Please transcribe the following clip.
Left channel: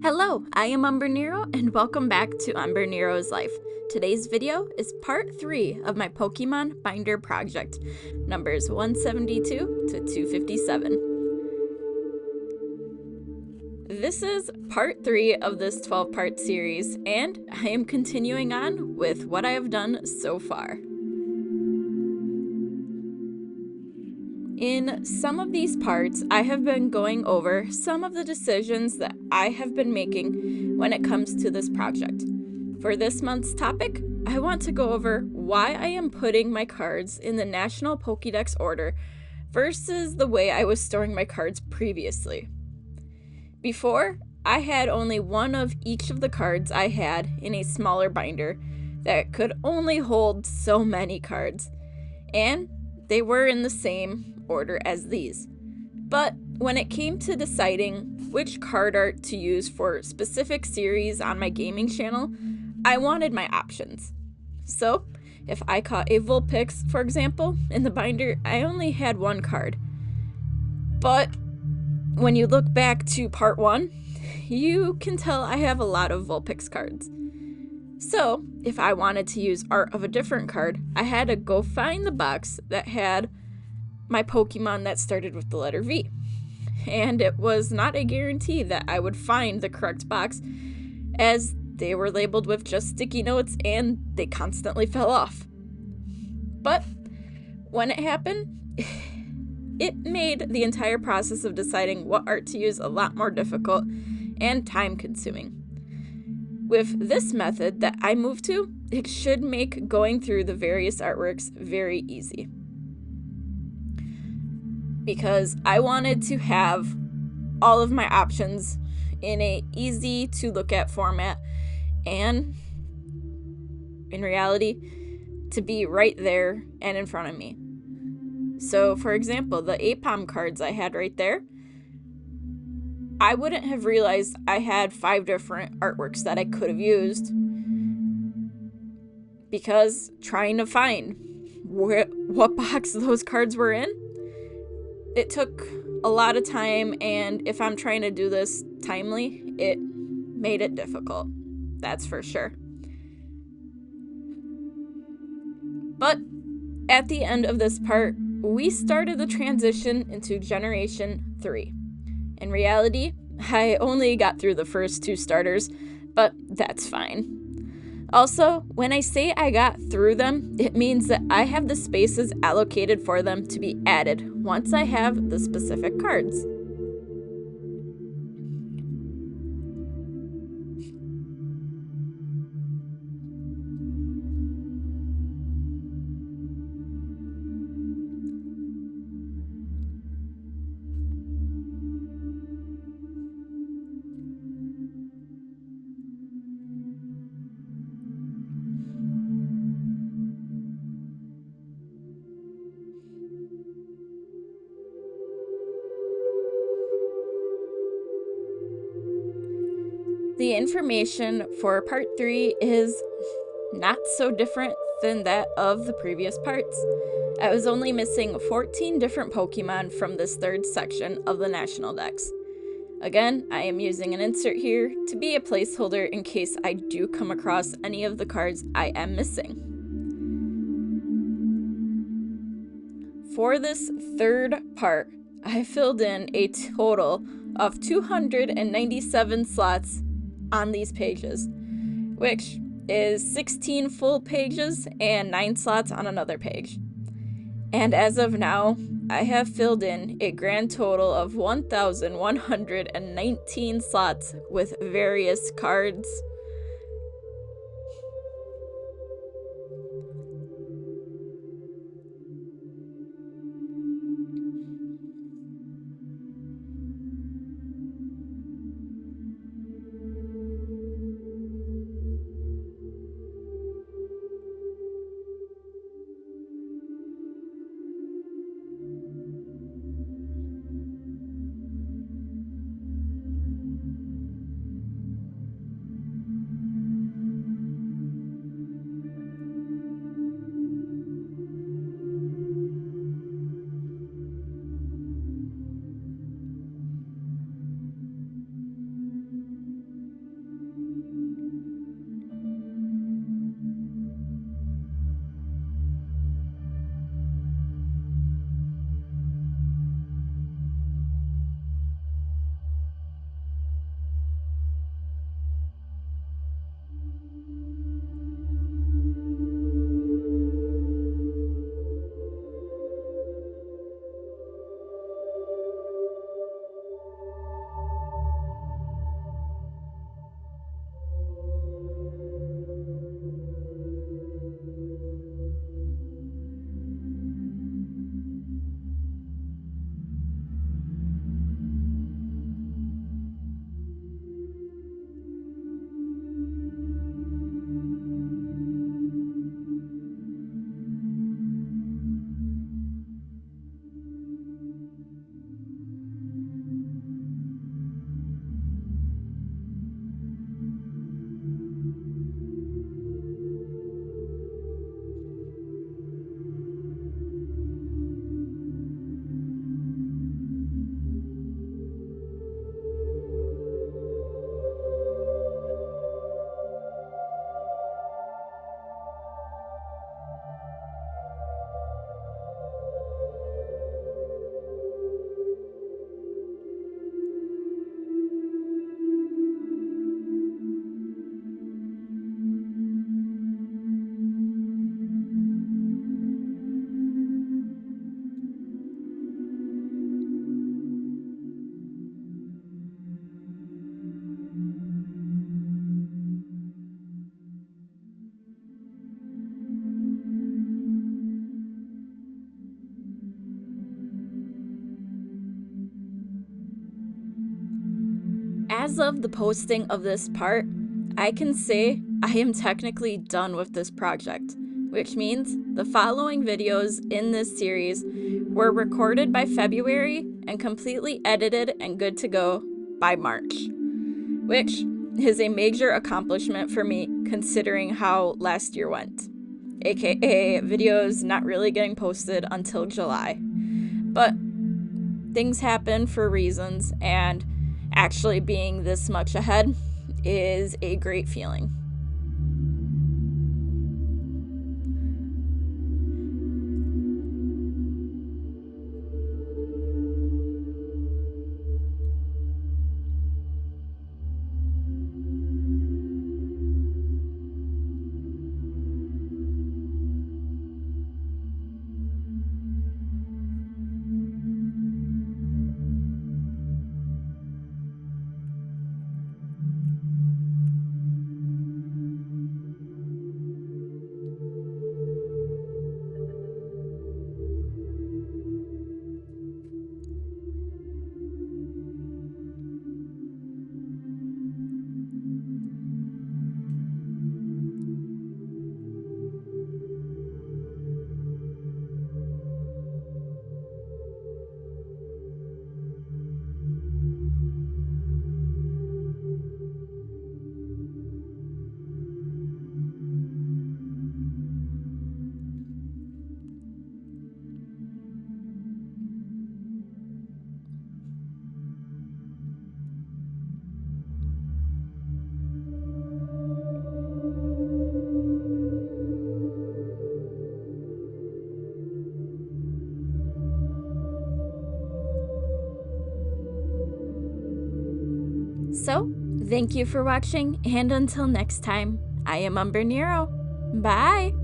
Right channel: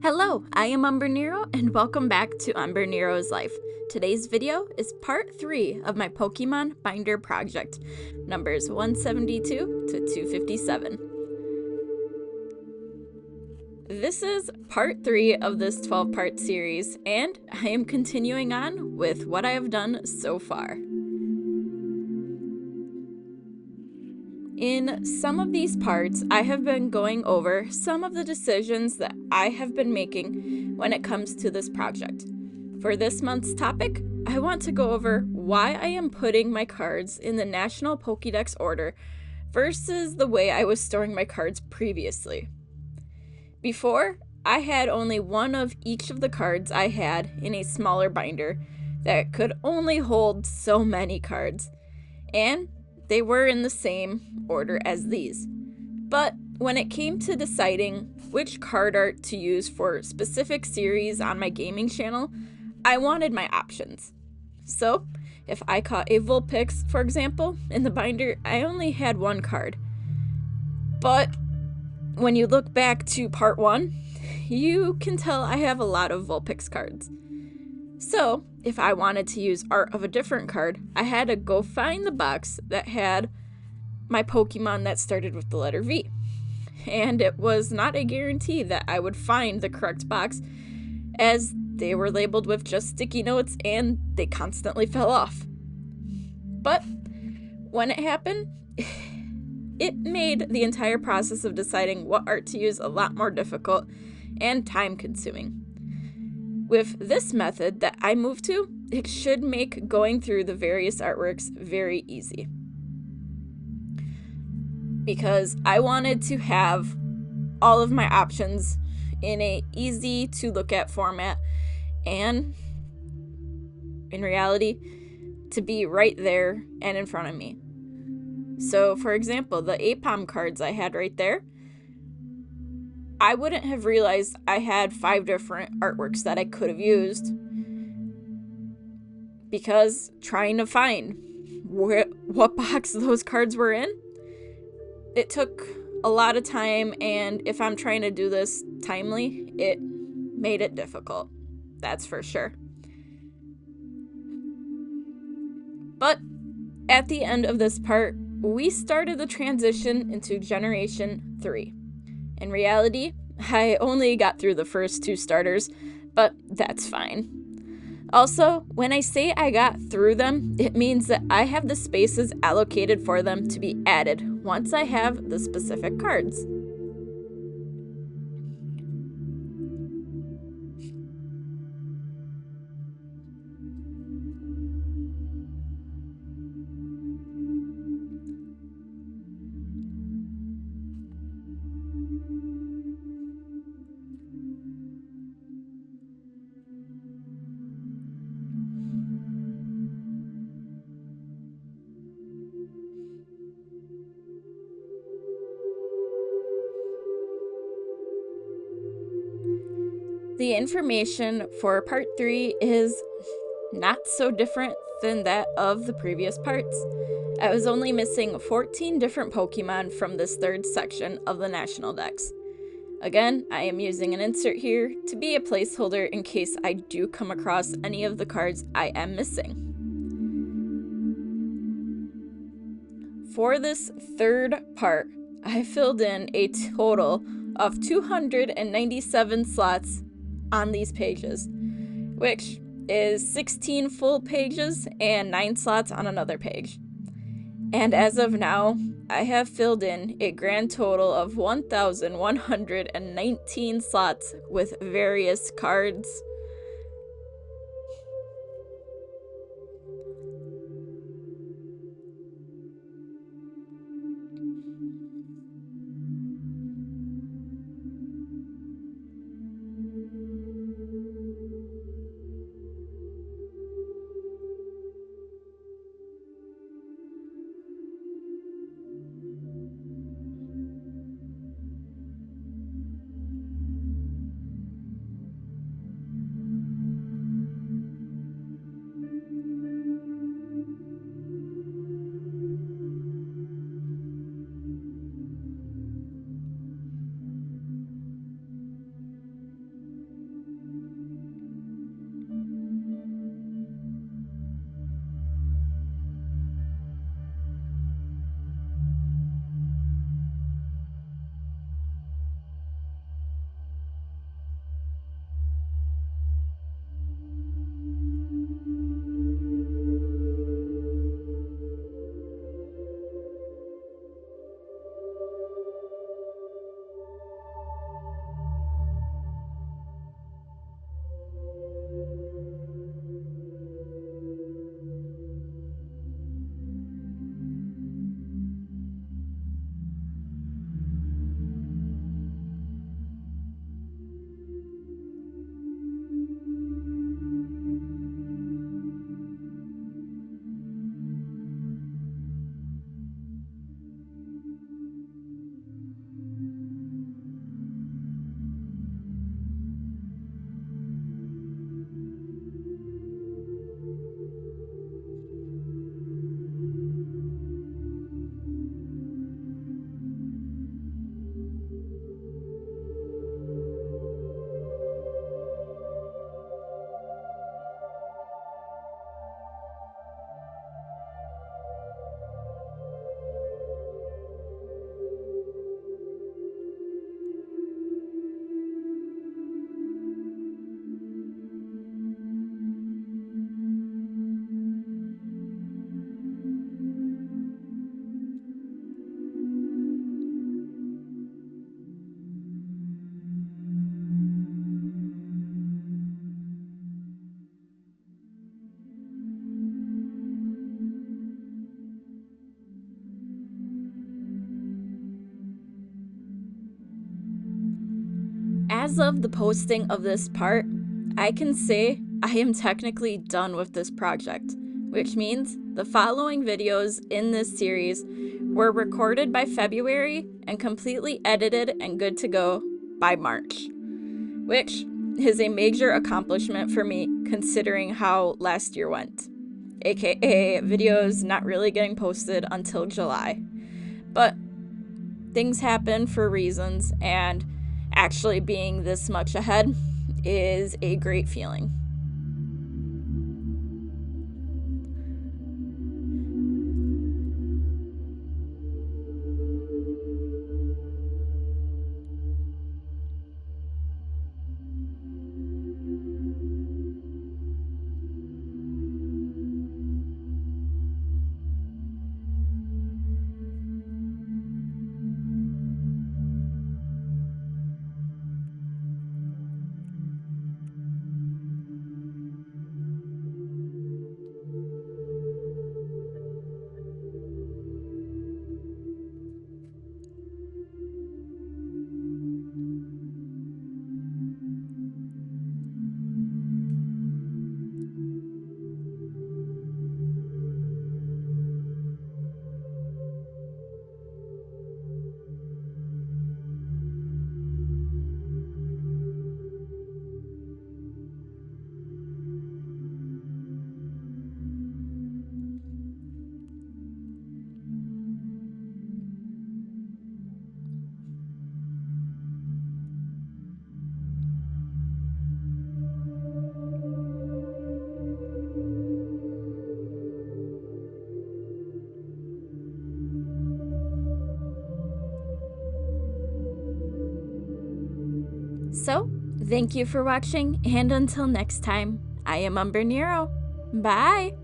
Hello, I am Umbrenero and welcome back to Umbrenero's Life. Today's video is part 3 of my Pokemon Binder project, numbers 172 to 257. This is part 3 of this 12-part series, and I am continuing on with what I have done so far. In some of these parts, I have been going over some of the decisions that I have been making when it comes to this project. For this month's topic, I want to go over why I am putting my cards in the National Pokedex order versus the way I was storing my cards previously. Before, I had only one of each of the cards I had in a smaller binder that could only hold so many cards, and they were in the same order as these. But when it came to deciding which card art to use for specific series on my gaming channel, I wanted my options. So, if I caught a Vulpix, for example, in the binder, I only had one card. But when you look back to part 1, you can tell I have a lot of Vulpix cards. So, if I wanted to use art of a different card, I had to go find the box that had my Pokemon that started with the letter V. And it was not a guarantee that I would find the correct box, as they were labeled with just sticky notes and they constantly fell off. But when it happened, it made the entire process of deciding what art to use a lot more difficult and time-consuming. With this method that I moved to, it should make going through the various artworks very easy. Because I wanted to have all of my options in a easy to look at format, and in reality, to be right there and in front of me. So, for example, the Apom cards I had right there, I wouldn't have realized I had 5 different artworks that I could have used, because trying to find what box those cards were in, it took a lot of time, and if I'm trying to do this timely, it made it difficult. That's for sure. But at the end of this part, we started the transition into Generation 3. In reality, I only got through the first 2 starters, but that's fine. Also, when I say I got through them, it means that I have the spaces allocated for them to be added once I have the specific cards. The information for part 3 is not so different than that of the previous parts. I was only missing 14 different Pokemon from this third section of the National Dex. Again, I am using an insert here to be a placeholder in case I do come across any of the cards I am missing. For this third part, I filled in a total of 297 slots on these pages, which is 16 full pages and 9 slots on another page. And as of now, I have filled in a grand total of 1,119 slots with various cards. As of the posting of this part, I can say I am technically done with this project, which means the following videos in this series were recorded by February and completely edited and good to go by March, which is a major accomplishment for me considering how last year went, aka videos not really getting posted until July. But things happen for reasons, and actually being this much ahead is a great feeling. So, thank you for watching, and until next time, I am Umbrenero. Bye!